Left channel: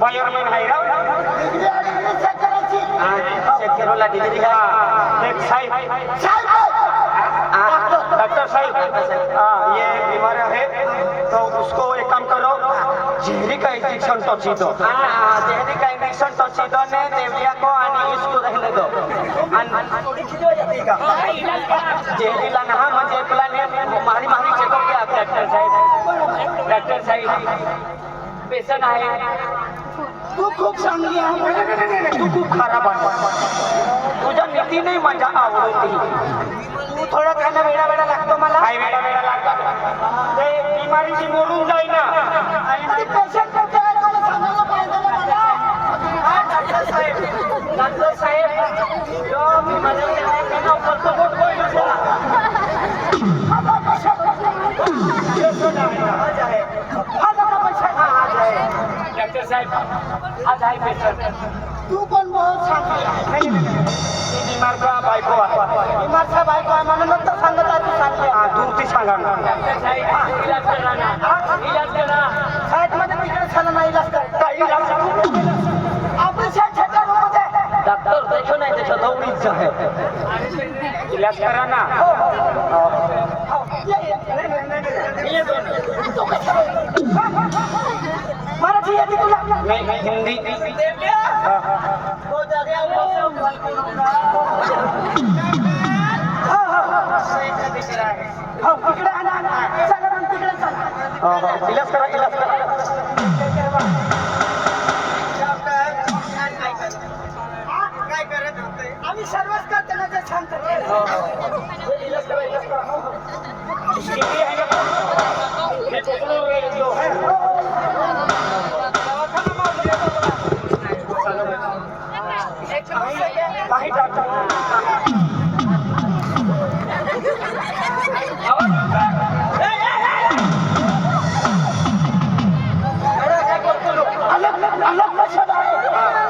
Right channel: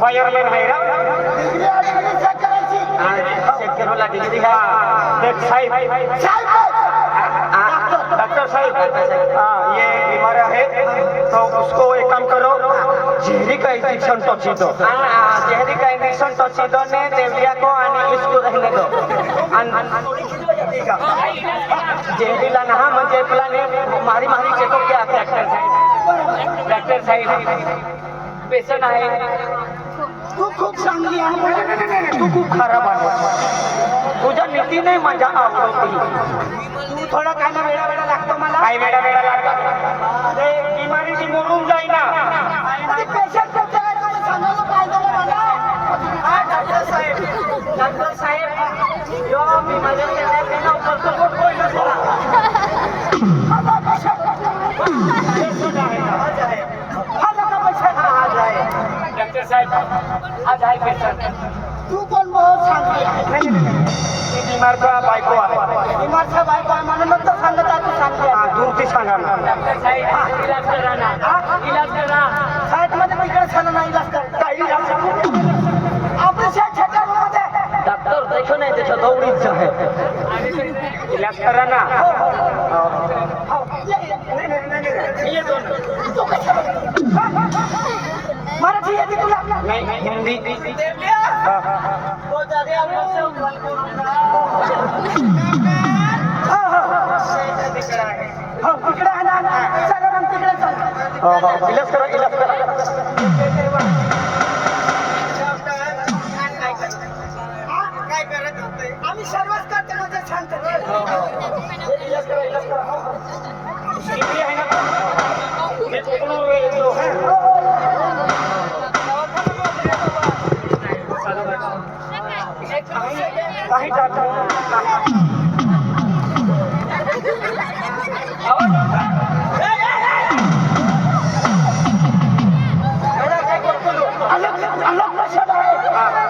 Wireman आहे ना शेतकऱ्याला डिग्री घ्या डॉक्टर साहब ये बीमार है तो उसको एक काम करो जहरी का इंजेक्शन टॉक्सी दो जहरी का इंजेक्शन टॉक्सी दो ने देवलिया को आणि इसको रहने दो थोड़ी खिजो जाती का जहरीला ना म्हणजे तुला ने मारी मारी चेकअप किया डॉक्टर साहब पेशंट आहे तू खूप चांगली आहे तू खूप खराब आहे तुझ्या नीती नाही माझ्या आवडती तू थोडा खायला वेळा वेळा लागतो मला काय वेळा वेळा लागतो ते बिमारी ती मोडून जाईना आणि पेशंट करते मला सांगायला पाहिजे मला हा डॉक्टर साहेब जो मी माझ्या केला करतो बोल डॉक्टर साहब आज आहे पेशंट तू पण बहुत चांगली आहे बीमारचा बायको आहे बीमारचा बायको आहे म्हणून मग तो सांगत आहे तू चांगली आहे दूरची सांगा डॉक्टर साहेब इलाज करा ना इलाज करा साईडमध्ये तिकडे छान नाही इलाज करता ऑपरेशन थिएटरमध्ये डॉक्टर देखो नाही त्याच्या दौडीच आहे इलाज करा ना मराठी येते तुला हिंदी बहुत ज्यादा हम लोग से उम्र करूंगा हाँ तिकडे आना चला मग तिकडे चला इलाज करा काय करत होते आम्ही सर्वच करते ना ते सांगते इलाज करा किती आहे ना ते कोकणा येतो है काही डॉक्टर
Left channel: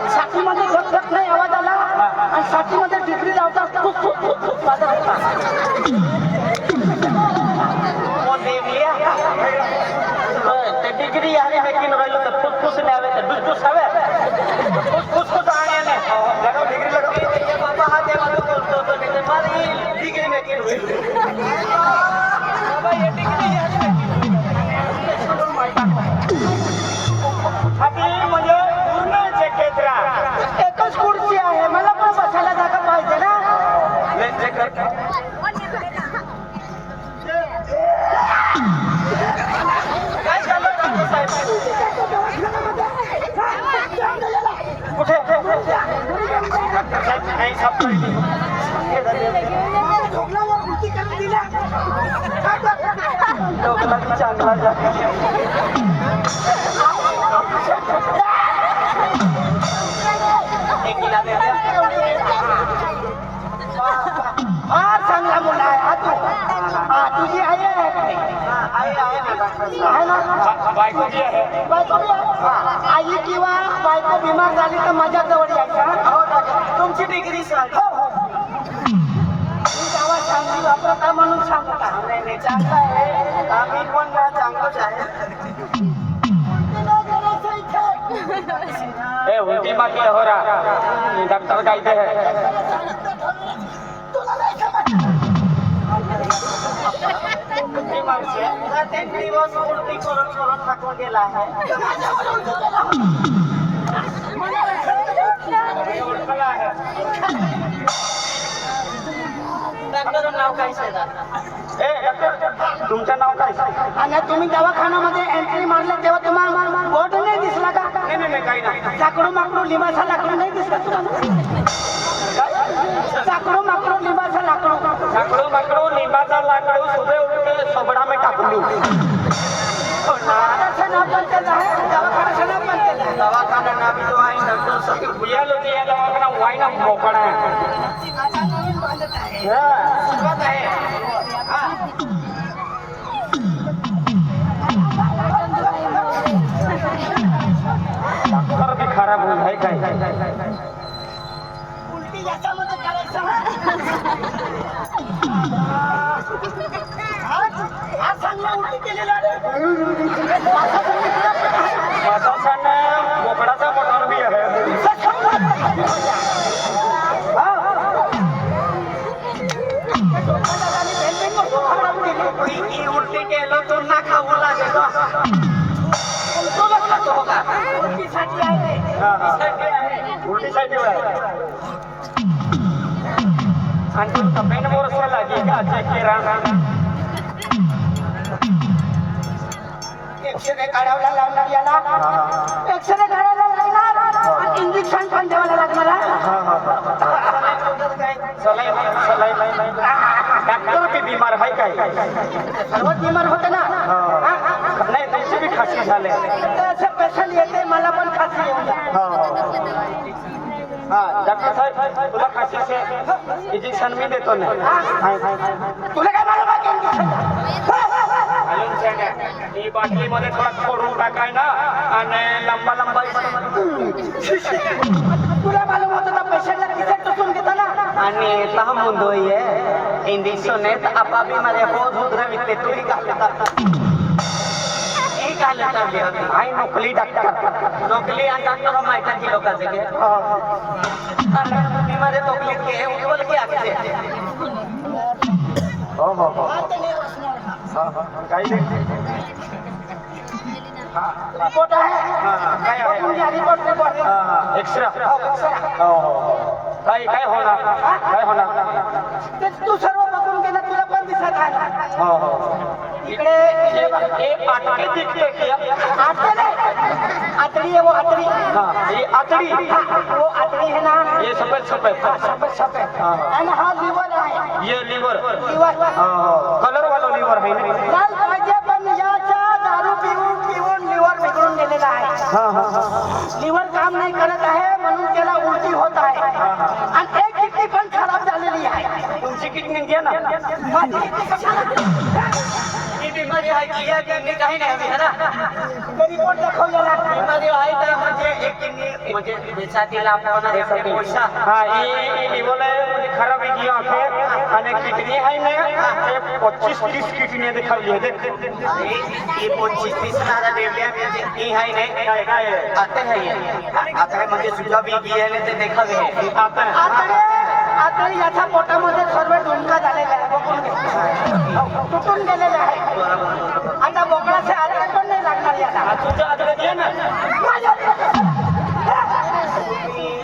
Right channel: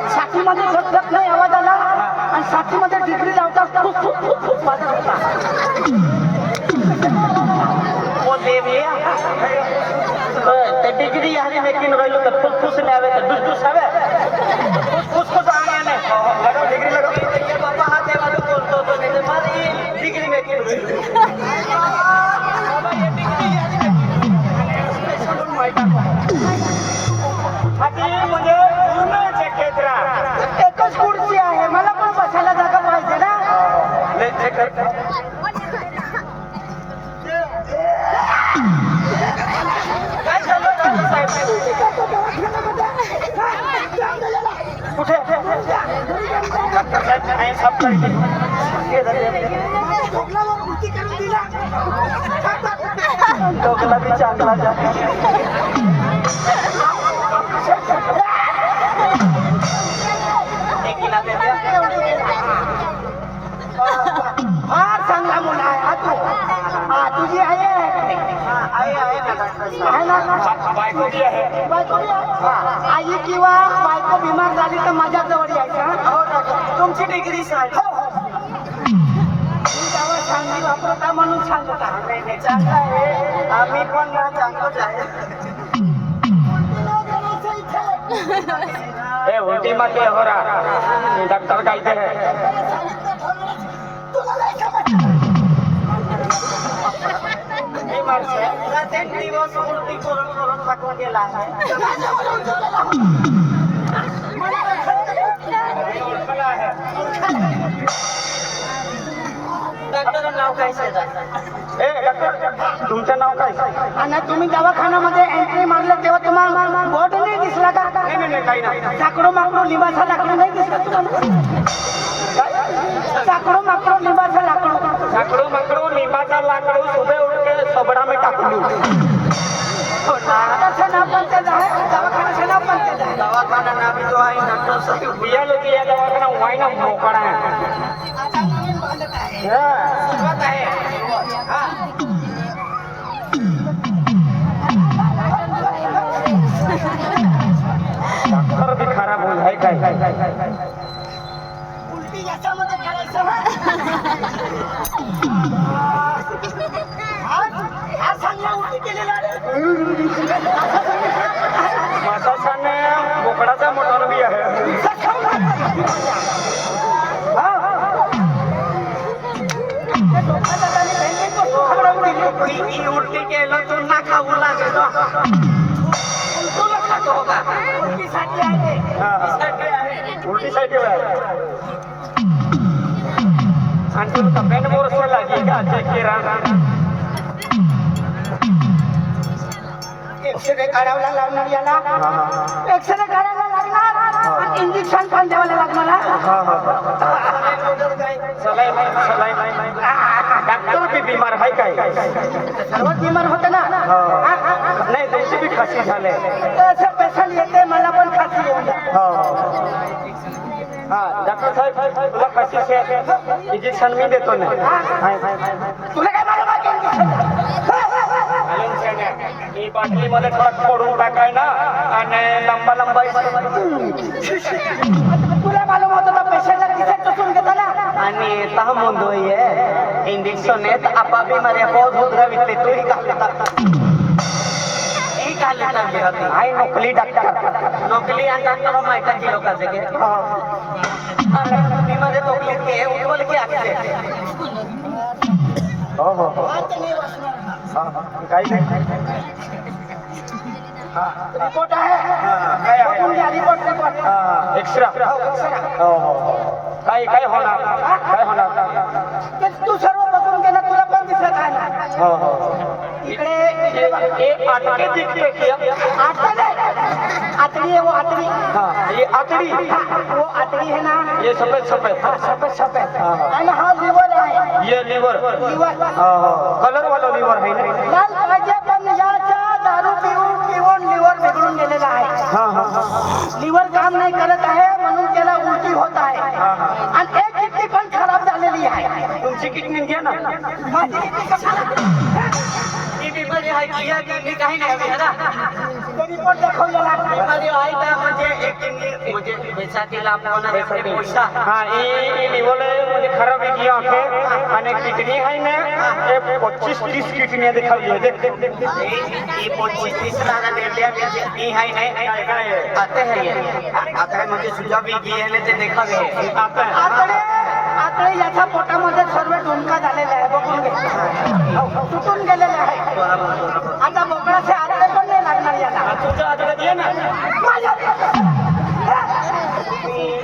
साथीमध्ये झटझट नाही आवाज आला आणि साथीमध्ये डिग्री लावतात डिग्री आणि नक्की राहिलो तर फुसफुस न्यावे तर दुसफुस हवे फुसफुस जाणे नाही डिग्री लगती बाबा हा तेव्हा बोलतो माझी डिग्री नक्की बाबा हे म्हणजे पूर्ण क्षेत्र एकच खुर्ची आहे मला पण बसायला जागा पाहिजे ना काय झालं कुठे उलटी करून दिला फार चांगला मुला आहे हा तू तुझी आहे ना बायको बी आहे आई किंवा बायको बिमार झाली तर माझ्या जवळ यायचा तुमची डिग्री सर हो चांगली वापरत आहे म्हणून सांगत आहे चांगलं आहे आम्ही पण चांगलंच आहे उलटी मत हो रहा डॉक्टर कहते हैं प्रत्येक दिवस उलटी करून टाकून गेला आहे ओळखला आहे डॉक्टर नाव काय तुमचं नाव काय आणि तुम्ही दवाखान्यामध्ये एंट्री मारलं तेव्हा तुम्हाला बोर्ड नाही दिसला का नाही काही नाही साकडो माकडो लिंबाचा लाकडो नाही का तुम्हाला? लाकडो माकडो लिंबाचं लाकडो. लाकडू माकडू लिंबाचा लाकडू सुबे उडके सबडा मी टाकली दवाखान्याचं नाव पण त्याचं आहे, दवाखान्याचं नाव पण त्याचं आहे. दवाखाना नावी जो आहे डॉक्टर साहेब या लोक या दवाखाना वाईना मोकळा आहे आता नवीन बांधत आहे. सुरुवात आहे हा डॉक्टर भी खराब होईल आहे काय उलटी याच्यामध्ये करायचं ना. आज चांगला उलटी केलेला आहे. मासाने बोकडाचा मोठा बी आहे उलटी केलं तू ना खाऊ लागेल तुला खातो का? उलटीसाठी आहे ते. उलटीसाठी आहे आणि तब्येत वर्ष लागेल का चेक केला एक्सरे काढायला लागणार याला. एक्सरे काढायला लागणार. इंजेक्शन पण द्यावं लागणार हा. डॉक्टर भी बीमार आहे काय सर्वच बिमार होतं ना. नाही त्याची बी खासी झाले असं पेशंट येते मला पण खासी येऊन जा. हा डॉक्टर साहेब तुला खासी इंजेक्शन मी देतो ना तुला काय मालूम आहे की इंजेक्शन? ही बाटलीमध्ये थोडा फोडून टाकाय ना आणि लंबा लंबा तुला मालूम होतं का पेशंटला किती टोचून घेतो ना. आणि तहा मुंदो ये इंजेक्शन आहे तर आपापली माझे रोज उतरा विकले तोही घालता ही घालता होती हाय नोकली डॉक्टर नोकली आणि डॉक्टर माहिती की लोकांचे के तुम्ही माझे नोकली के उज्ज्वल की आखते हो हो हो हात नाही वाचणार हा. काही रिपोर्ट आहे. काय आहे बघून घ्या, रिपोर्ट. एक्स्ट्रा काय काय होणार काय होणार ते तू सर्व बघून गेला तुला पण दिसत आहे ना. हो हो इकडे एक आटके दिखते क्या आटका नाही. आतडी है वो आतडी. हाँ ये आतड़ी वो आतडी है ना. ये सफेद सफेद सफेद सफेद. हाँ. आणि हा लिव्हर आहे. ये लीवर लिव्हर कलर वाला लीवर है ना लाल पाहिजे पण याचा दारू पिऊन पिऊन लिव्हर बिघडून गेलेला आहे. हाँ हाँ लिव्हर काम नाही करत आहे म्हणून त्याला उलटी होत आहे. आणि एक किडनी पण खराब झालेली आहे. तुमची किडनी घ्या ना माझी किडनी कशाला? ही बिमारी आहे की या किडनी काही नाही है ना ते रिपोर्ट दाखवलेला. बिमारी आहे तर म्हणजे एक किडनी म्हणजे बेचातीला होणार आहे हा ही लीवर म्हणजे खराब है आंखें आणि किडनी है ना एक 25-30 किडनी दिखाई है देख ये 25-30 सारा डेलिया में किडनी है ना काय आते हैं ये आता है म्हणजे सुजा भी की है ते देखा गए आता आतडे आतडे याच्या पोटामध्ये सर्व डोंका झालेला आहे. बघून घे. तुटून गेलेले आहे. आता बोकडाचे आतडे पण नाही लागणार याला. तुझा आदर दे ना माझ्या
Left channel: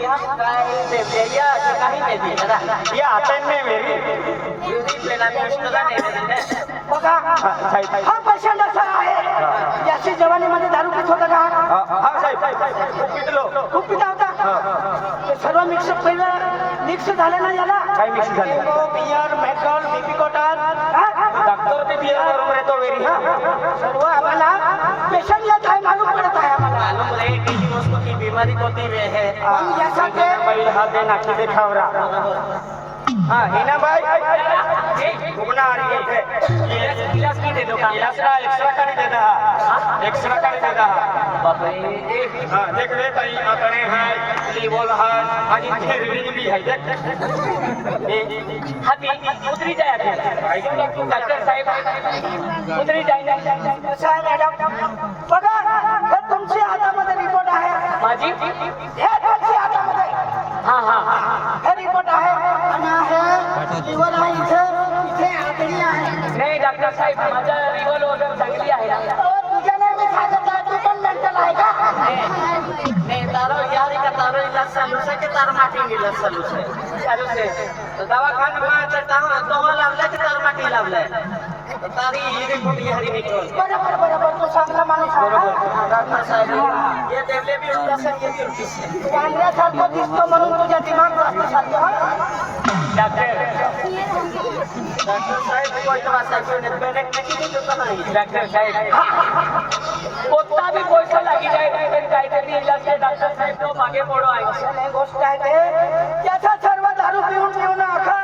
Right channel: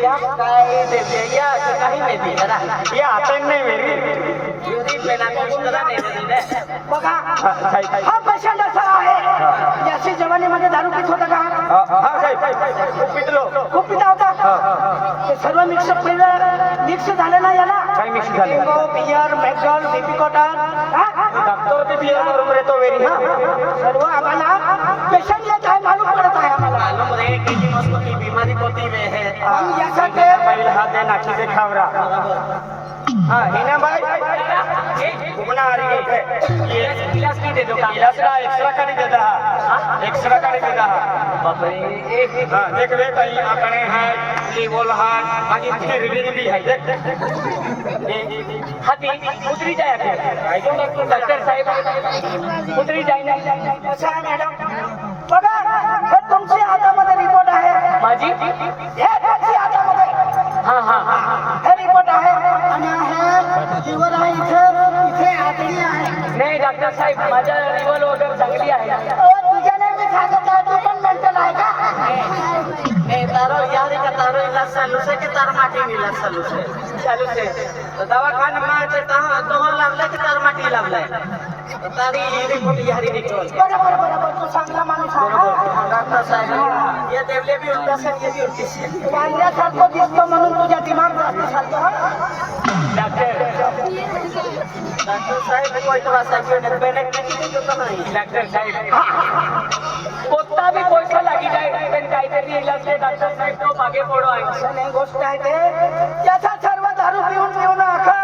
या काय देते या काही नाही दी ना या आते नाही मेरी युदी पेला मुश्किला नाही बघा हा पेशंट असा आहे याची जवानीमध्ये दारू पित होता का? हा साहेब खूप पितलो खूप पिता होता. ते सर्व मिक्स झालं ना याला. काय मिक्स झालं? लिंबू, बियर, मेटॉल, लिपिकोटाल डॉक्टर ते बियर बरोबर येतो वेरी सर्व आम्हाला पेशंट येत आहे मालूम पडत आहे आम्हाला. मालूम रे की वस्तू की बीमारी कोणती वे है हम यासाठी काही हाते नाकी ते खावरा हा हिना बाई फुगना आ रही है इलाज नहीं दे दो इलाज ना एक्स्ट्रा का नहीं देता एक्स्ट्रा का नहीं देता बाप रे हां देख रे कहीं आंकड़े हैं लीवर है आगे फिर भी है देख हाथी उतरी जाए के आई डॉक्टर साहेब उतरी जाए ना साहेब मॅडम बघा हे तुमच्या हातामध्ये रिपोर्ट आहे. माझी हे तुमच्या हातामध्ये हां हां हे रिपोर्ट आहे आणि हे लिव्हर आहे. इथे आतडी आहे. नाही डॉक्टर साहेब माझा लिव्हर वगैरे चांगली आहे तुझ्या नेहमी सांगत आहे तू पण मेंटल आहे का? नहीं तारो यार का तारो इलाज चालू से के तार माटी इलाज चालू से तो दवाखाना में तो लावलाय की तार माटी लावलाय तारी देखो बिहारी निकल बरोबर बरोबर तू चांगला माणूस आहे हा. डॉक्टर साहेब ये देवले भी उठता सर ये भी उठती से वांद्र्यासारखं दिसतो म्हणून तुझ्या दिमाग जास्त चालतो हा. डॉक्टर साहेब को इतना साइकिल बेने किती लोक नाही डॉक्टर साहेब कोणता भी पैसा लागी जाए पण काहीतरी इलाज ते डॉक्टर साहेब तो मागे पडो आहे असं नाही गोष्ट आहे ते त्याचा सर्व दारू पिऊन पिऊन अख्खा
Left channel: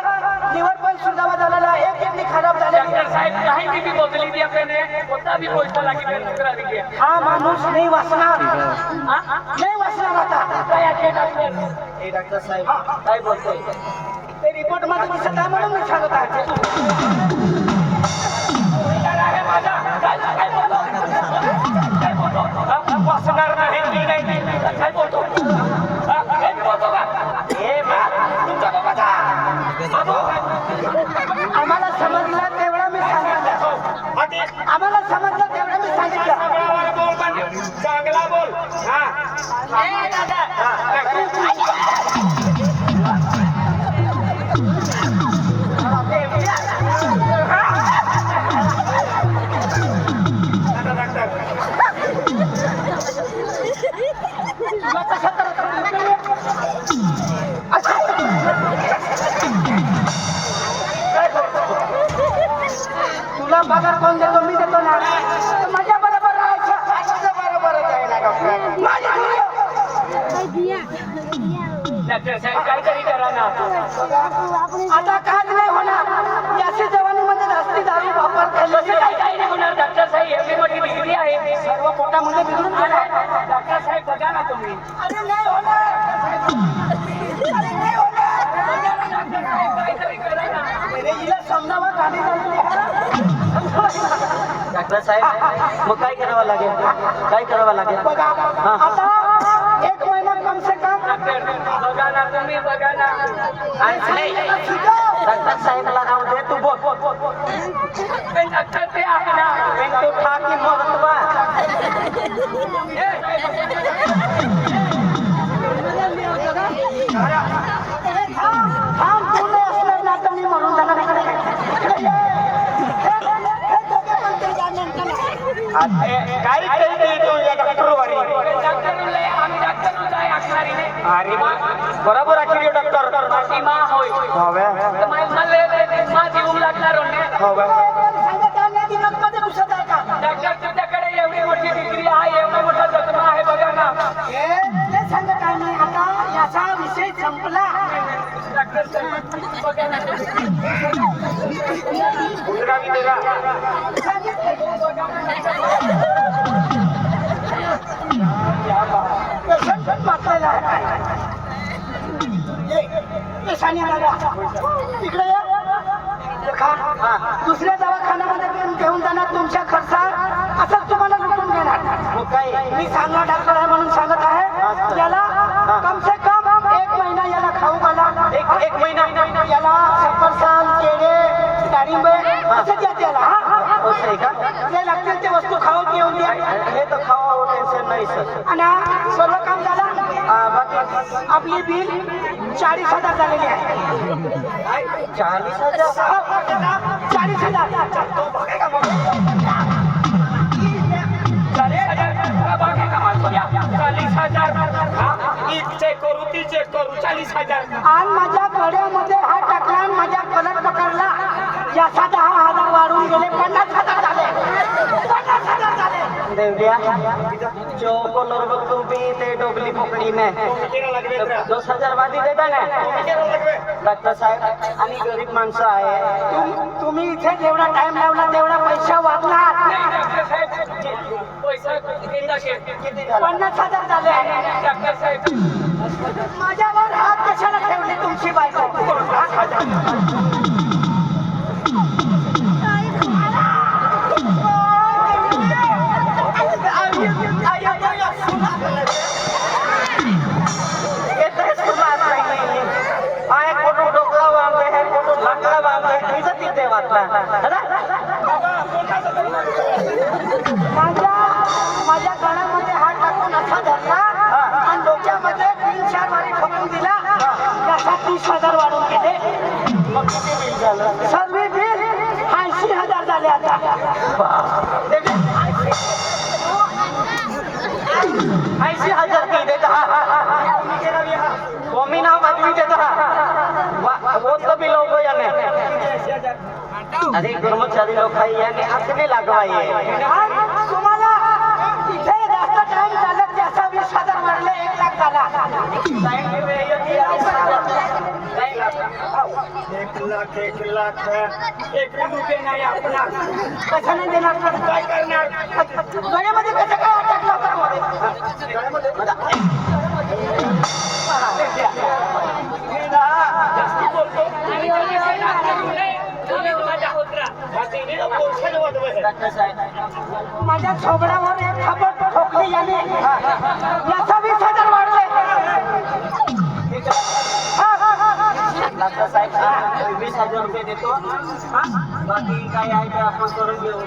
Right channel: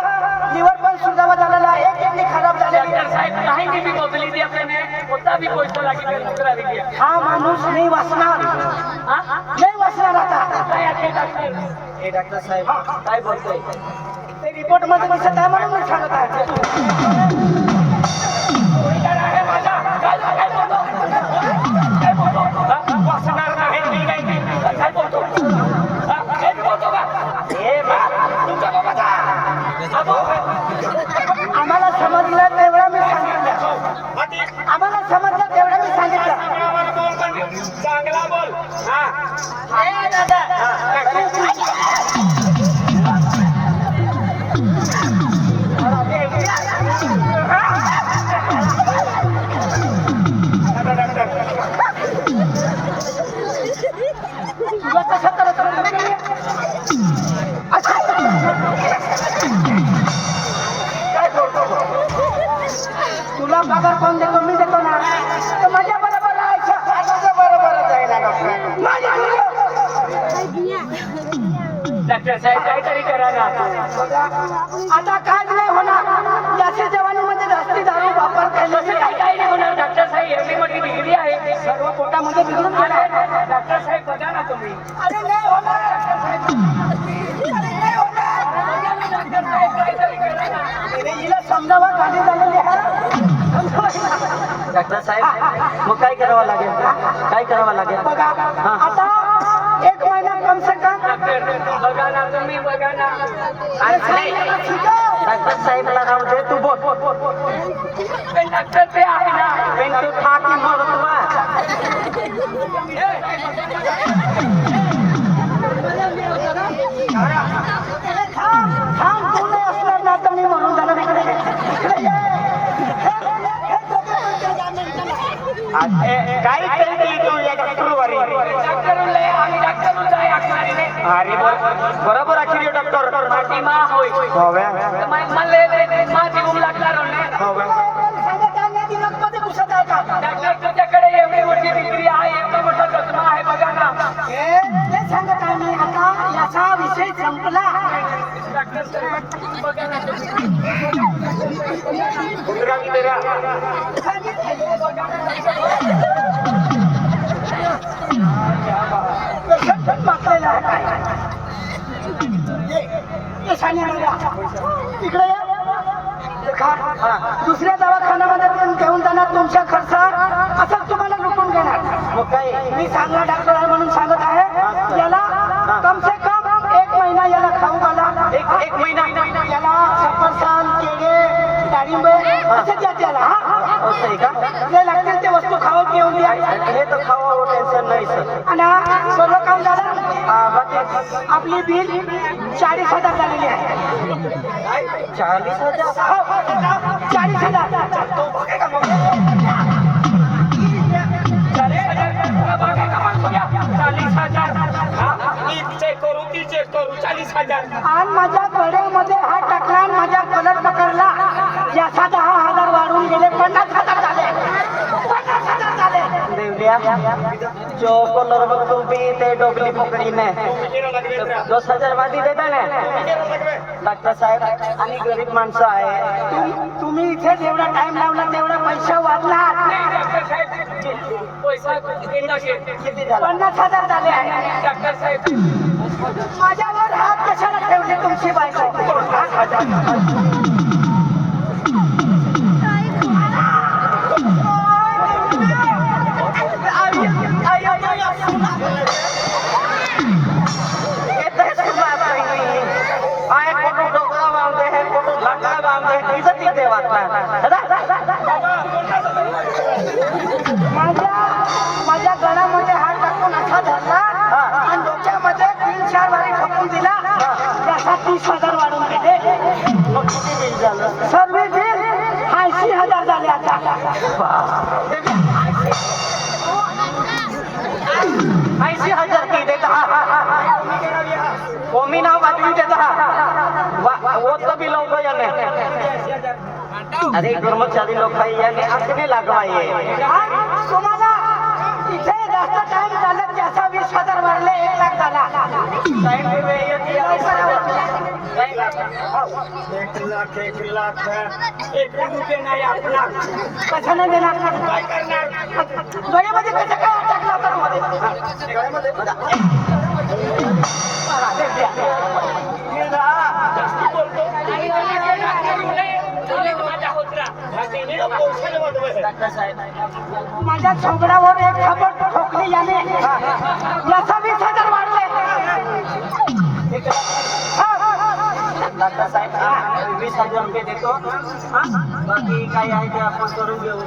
लिव्हर पण सुधावा झालेला एक किडनी खराब झालेली डॉक्टर साहेब काही भी बदली दिया पेने कोणता भी पैसा लागी पेन करा दिया हा माणूस नाही वाचणार हां नाही वाचणार आता काय आहे डॉक्टर ए डॉक्टर साहेब काय बोलतोय ते रिपोर्ट मध्ये दिसत आहे म्हणून मी सांगत आहे आहे माझा काय बोलतो काय बोलतो वाचणार नाही मी नाही काय बोलतो काय बोलतो का ए बा तुमचा बाबाचा आम्हाला समजलं तेवढं मी सांगितलं आम्हाला समजलं तेवढं मी सांगितलं बोल पण चांगला बोल हा ए दादा तुला कसं करत होती? तुला पगार कोण देतो मी देतो ना तर माझ्या बरोबर राहायचं माझ्या बरोबरच आहे ना माझ्या डॉक्टर साहेब काहीतरी करा ना आता काहीच नाही होणार याच्या जवानीमध्ये जास्ती दारू वापर खाल्ल्याचे काही काही नाही होणार डॉक्टर साहेब एवढी मोठी डिग्री आहे सर्व पोटामध्ये बिघडून अरे डॉक्टर साहेब बघा ना तुम्ही अरे नाही होणार अरे नाही होणार डॉक्टर साहेब काहीतरी करा ना अरे हिला समजावा खाली झालेली डॉक्टर साहेब मग काय करावं लागेल काय करावं लागेल बघा आता एक महिना कम से कम बघा ना तुम्ही बघा ना डॉक्टर साहेबला राहू दे तू बोल पण डॉक्टर ते आहे ना पण तो ठाकी थांब तू नाही असणार ना तर मी म्हणून जाणार काय केली तू या डॉक्टरवारी आम्ही डॉक्टर जाय असणारी अरे बरोबर आखिरी डॉक्टर माझी मा होय मा देऊन लागणार डॉक्टर तुझ्याकडे एवढी मोठी डिग्री आहे एवढा मोठा चष्मा आहे बघा ना ते सांगत आहे मी आता याचा विषय संपला डॉक्टर बघा ना उतरा वितरा इकडे या देखा दुसऱ्या दवाखान्यामध्ये पण घेऊन जाणार तुमच्या खर्चात असं तुम्हाला लुटून घेणार मग काय मी सांगणार डॉक्टर आहे म्हणून सांगत आहे याला कम से कम एक महिना याला खाऊ घाला एक महिना याला सफरचंद केळे डाळिंब असं द्या त्याला जे लागतील ते वस्तू खावं घेऊन द्या हे तर खावा हो टेन्शन नाही सर आणि सर्व काम झालं आपली बिल 40,000 झालेली आहे काय 40,000 आणि माझ्या गड्यामध्ये हा टाकला आणि माझ्या कलर पकडला याचा 10,000 वाढून गेले 50,000 झाले 50,000 झाले देवलिया जो कलर बघतो बी ते डोकली पकडीने 10,000 वादी देता ना डॉक्टर साहेब आणि गरीब माणसं आहे तुम्ही इथे जेवढा टाइम लावला तेवढा पैसा वाचला पैसा किती झाला 50,000 झाले आहे डॉक्टर साहेब माझ्यावर हात कशाला ठेवले तुमची बायको माझ्या गळामध्ये हात टाकून असा धरला आणि डोक्यामध्ये 3-4 वारी ठोकून दिला त्याचा 30,000 वाढून गेले सर्व बिल 80,000 झाले आता कोमी नाव आदमी देता वो तो भी लोग याने अरे कर्मचारी लोक आहे याने आखने लागला आहे काय तुम्हाला इथे जास्त टाइम झाला त्याचा 20,000 वाढले 1 लाख झाला टाइम नाही लागला 1 लाख 1 रुपये नाही आपला कसं नाही देणार काय करणार गळ्यामध्ये कसं काय अटकला होता मध्ये गळ्यामध्ये माझ्या छोबडावर एक खबर ठोकली याने याचा 20,000 वाढले डॉक्टर साहेब 20,000 रुपये देतो बाकी काय आहे ते आपण करून घेऊ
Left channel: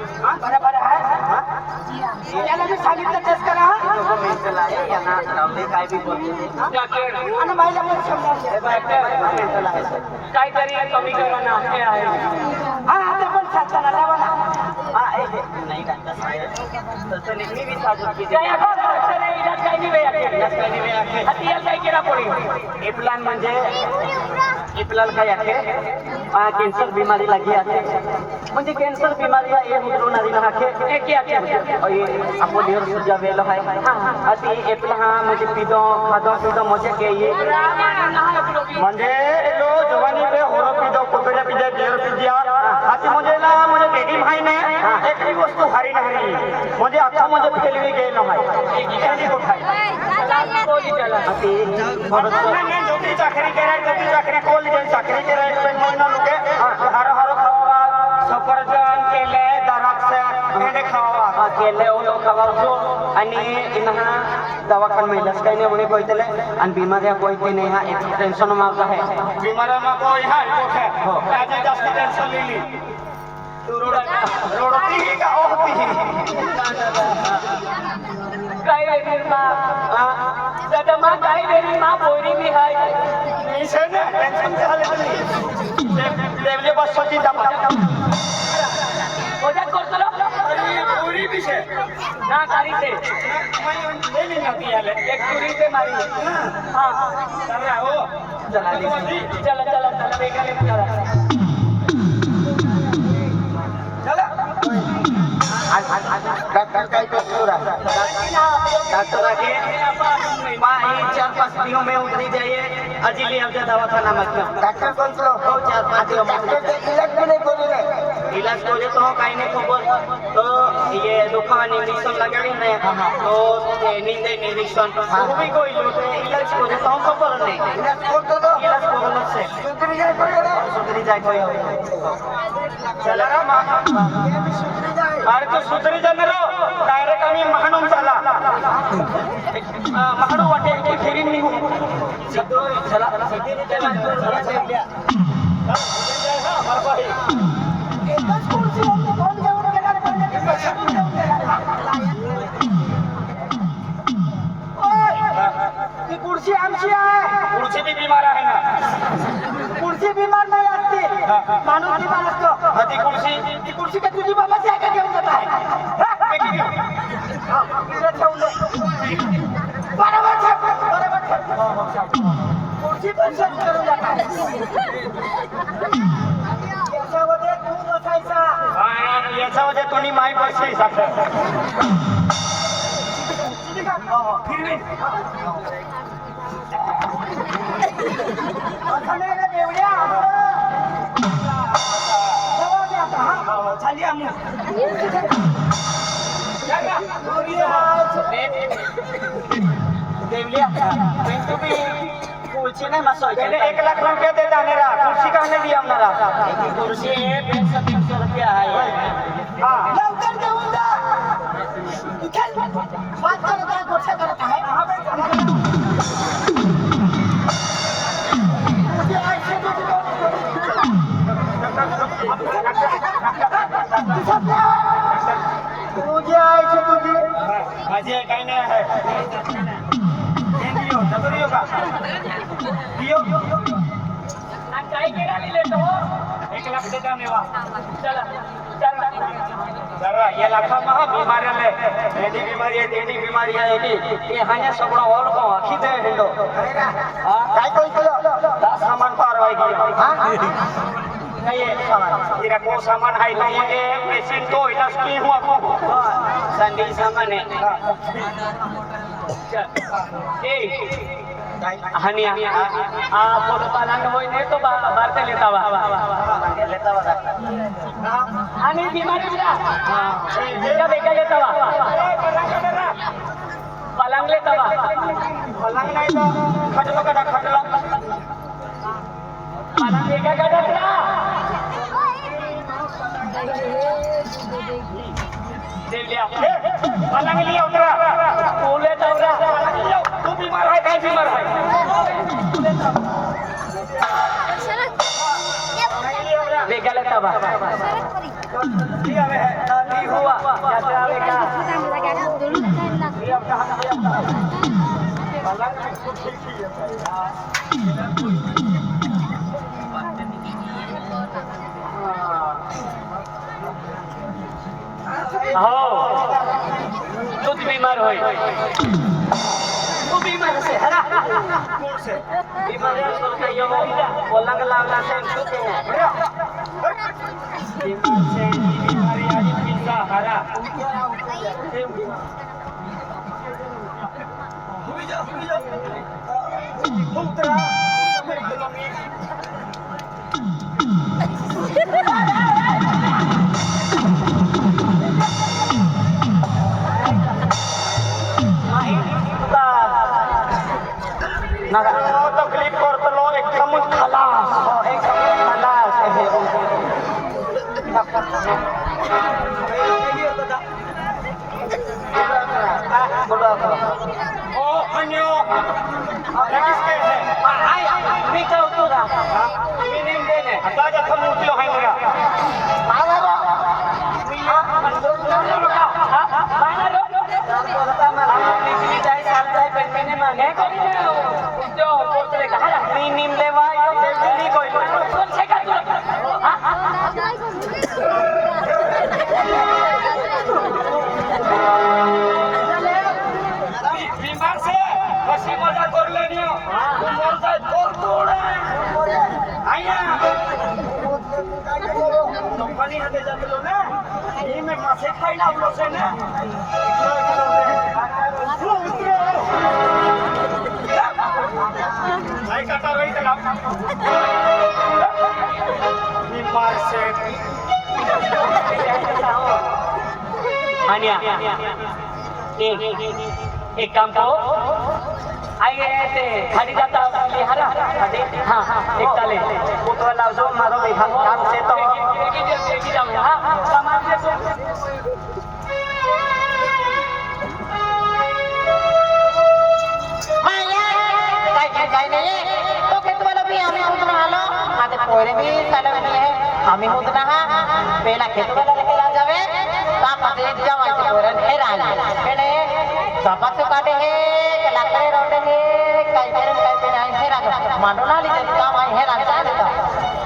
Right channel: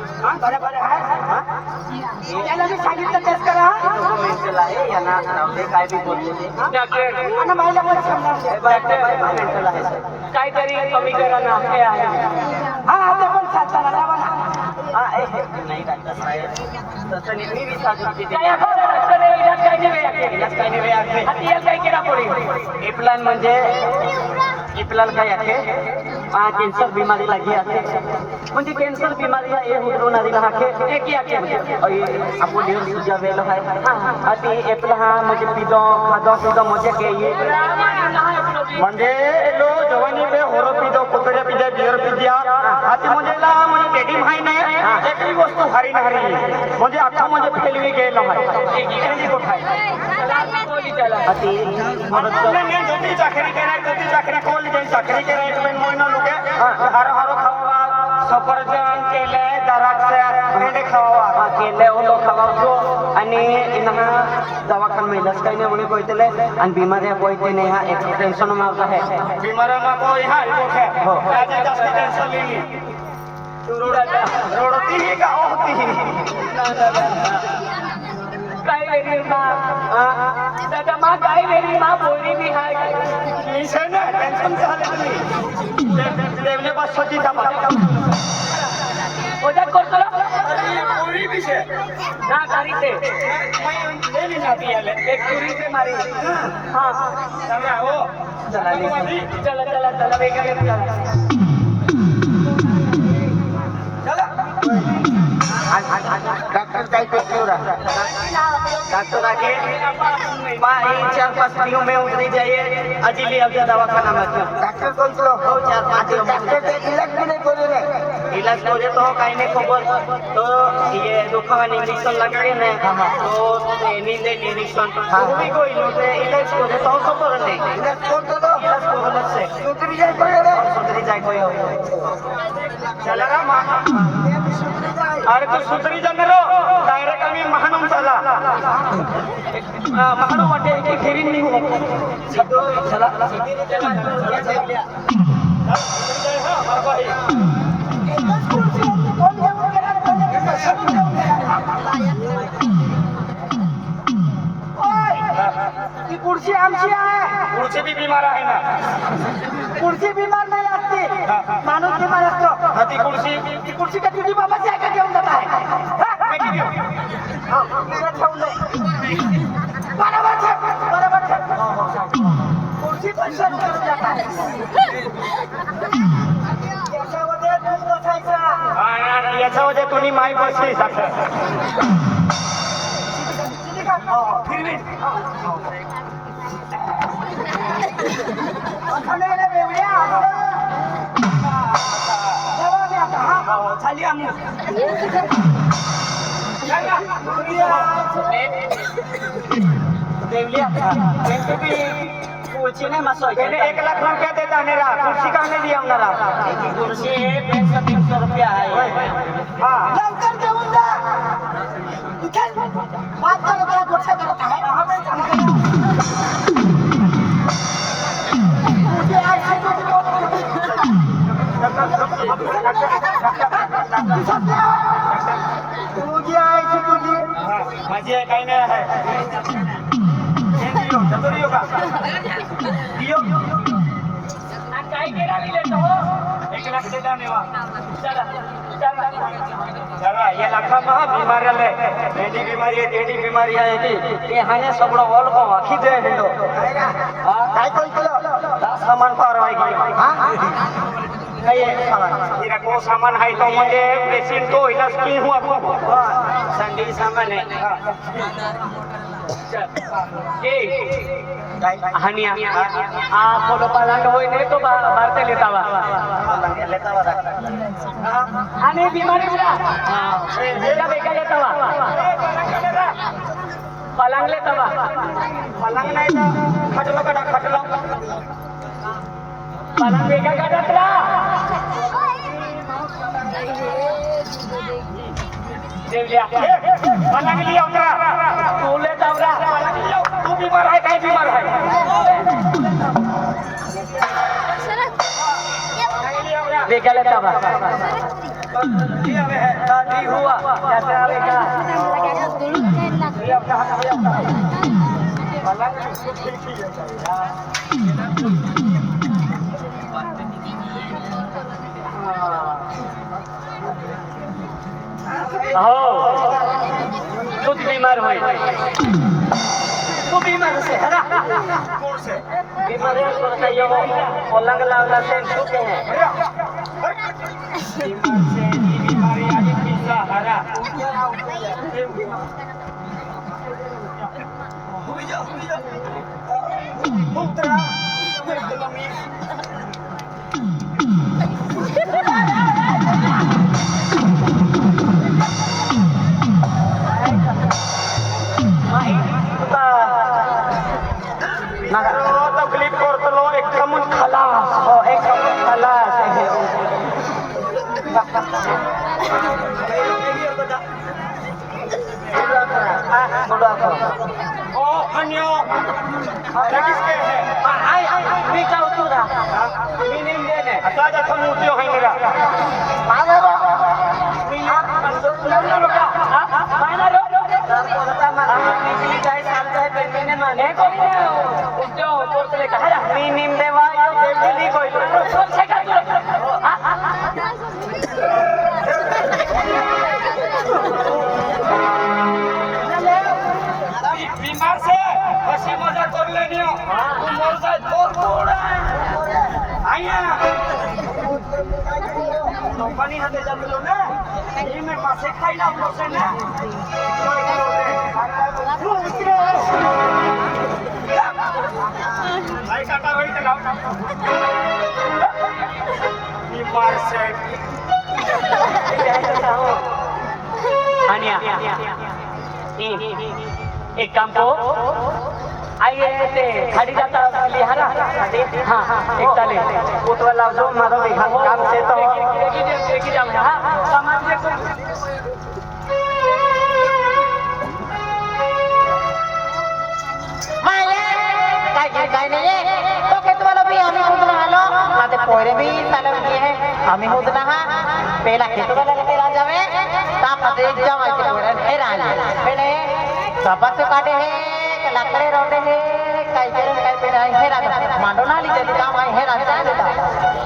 बरोबर आहे याला मी सांगितलं तेच करा मेंटल आहे यांना रावले काय बी बोलतो आणि मला पण समजावून मेंटल आहे काहीतरी कमी करा ना हे आहे हा ते पण चालताना लावा ना नाही डॉक्टर साहेब तसं नाही मी 20,000 रुपये दिले प्लान म्हणजे प्लान काय आहे कैंसर बीमारी लगी आके म्हणजे कैंसर बीमारी है ये हुद्रो नदी ना आके एक ही आके और ये आपको ढेर सुझा वेल है अति एप्ला हा म्हणजे पिदो खादो मजा के ये म्हणजे लो जवानी पे होरो पिदो कोकड्या पिदे बियर पिदिया अति म्हणजे ला म्हणजे बेटी माहिने एक ही वस्तू हरी नहरी म्हणजे आता म्हणजे फेलवी गेलो आहे एकी तो खाय अति नाही जोती चाकरी कोल जे चाकरी कराय पण मोयना लोके हर खावा सफरजन केले द्राक्ष हे खावा केले ओलो खावाचो आणि इना दवाखाना में लस काही नाही कोइतले आणि बिमाऱ्या कोइते नाही हा एक टेंशन मावता है बिमाऱ्या को यहाँ है हो आज जास्त टेंशन लिली तू रोडती ही का होती ही काय वेगळी मा दादा मा काय वेगळी मा बोरी भी हाय विषय ना टेंशन झाले तुम्ही देवले बस सजी दबा ओजा करतो अरे बोरी विषय ना गाड़ी से मैं ले लेना दिया ले एक चोरी से मारी हां कर रहा हो चला चला बेकार चला डॉक्टर काय पे पूरा डॉक्टर आके भाई 4-5 दिनों में उतरी जाइए अजीली अब दवाखाना मत डॉक्टर कौन सा हो 4-5 दिन डॉक्टर के इलाज भी नहीं करोगे इलाज को तो काई नहीं खबर तो ये दुखान इंजेक्शन लगाड़ी ने तो नींद इंजेक्शन वो भी कोई लोटे इलाज को तो खबर नहीं इलाज को तो इलाज को लग से सुधरी जाए कोई चला रा अरे तो सुधरी जा मेरो डायरेक्ट आम्ही महानून चला महानू वाटे की फेरी नाही हो सिद्धो चला सिद्धीने चला हां मार पाही एकच खुर्ची म्हणजे कोण घेऊन गेला कोण पैसे घेऊन गेला ओय ती खुर्ची आमची आहे खुर्ची भी बीमार आहे ना खुर्ची बीमार नाही असते माणूस बीमार असतो हा ती खुर्ची का तुझी बाबाची आहे का घेऊन जात आहे इकडे ठेवलंय बरोबर खुर्ची पण सर्व करून जात आहे याच्यामध्ये तू बसायचा याच्यामध्ये तुम्ही माय बसली फिरवीन बेवड्या झाली आम्ही खुर्ची नाही मसो 1 लाख रुपये दे जाणारा खुर्ची का नाही दिया एक खुर्ची 150 रुपये आहे लवकर घेऊन जा इथे बात करत आहे गोष्ट करत आहे तुझी आहे तुझी माझी आहे काही नाही आहे काय केला दिले तो 1 लाख देता मेवा चला जरा ये लाखा महा बीमारी है टेडी बीमारी है ये हाने सगळं ऑल को आखी दे हिंदो हां काय कळलं सामान पार हा तेरा को सामान है तो मुझे मशीन तो इधर की हुआ संडी सामान है हनिया बोलो पलंग होय ने तो भारते लेतावा आणि बीमारी बरा जेला बेका लेतावा पलंग कडेरा पलंग लेतावा पलंग नाही तर खटलो कडा खटलो पलंग बेका कडा देवलिया पलंग लिया उतरा तू ले जावरा पलंग लिया तू बीमार है काय बीमार है पलंग लिया उतरा बेका लेता बा लिया है नहीं हुआ यात्रा बेका लिया पलंग ठीक तू बीमार होय तू बीमार से है ना कौन से बीमारी सोचता ये पलंग लागला से छूटे हैं बीमार से ये बीमारी आज पिज्जा हरा उतरा तकलीफ करतलो एकदम खलास एकदम खलास ओ अन्यो ये किसके है मी का उतरा मी नहीं देने आता जा तुम उठलो है मेरा मानो मी अंदर रुका मानो बोलता मार निकली जाए साल जाए पेन मैंने माने को नहीं जो कोर्टले कहा मी नीम लेवा दिल्ली कोई कौन से का तू बीमार से हंसी मजाक कर लेनी हो तू मोर जाए तोर तोड़ आया कंपनी हाथे जातलो ना ये मैं मासे खाई ना बोलो से ना नहीं काटा रही चला बीमार से हानिया एक काम को आइए ते खाड़ी जाता लिहारा हाँ एक ताले उतवा लाओ जो मारो भी काम से तो एक ही जाऊँ हाँ सामान देखो काय नाही तो के तुम्हाला भी आम्ही उतरून आलो माझे पोरे भी चालवली आहे आम्ही उतरा हा पेला खेतवाला लेके जावे तापते जवायचे पोरे हे राहिले पेले सपाच काटे हे लाकडे रोटे हे काय पेरे काय पेरे हे राहिले मांडोना लिहिलेलं काम आहे हे राहिले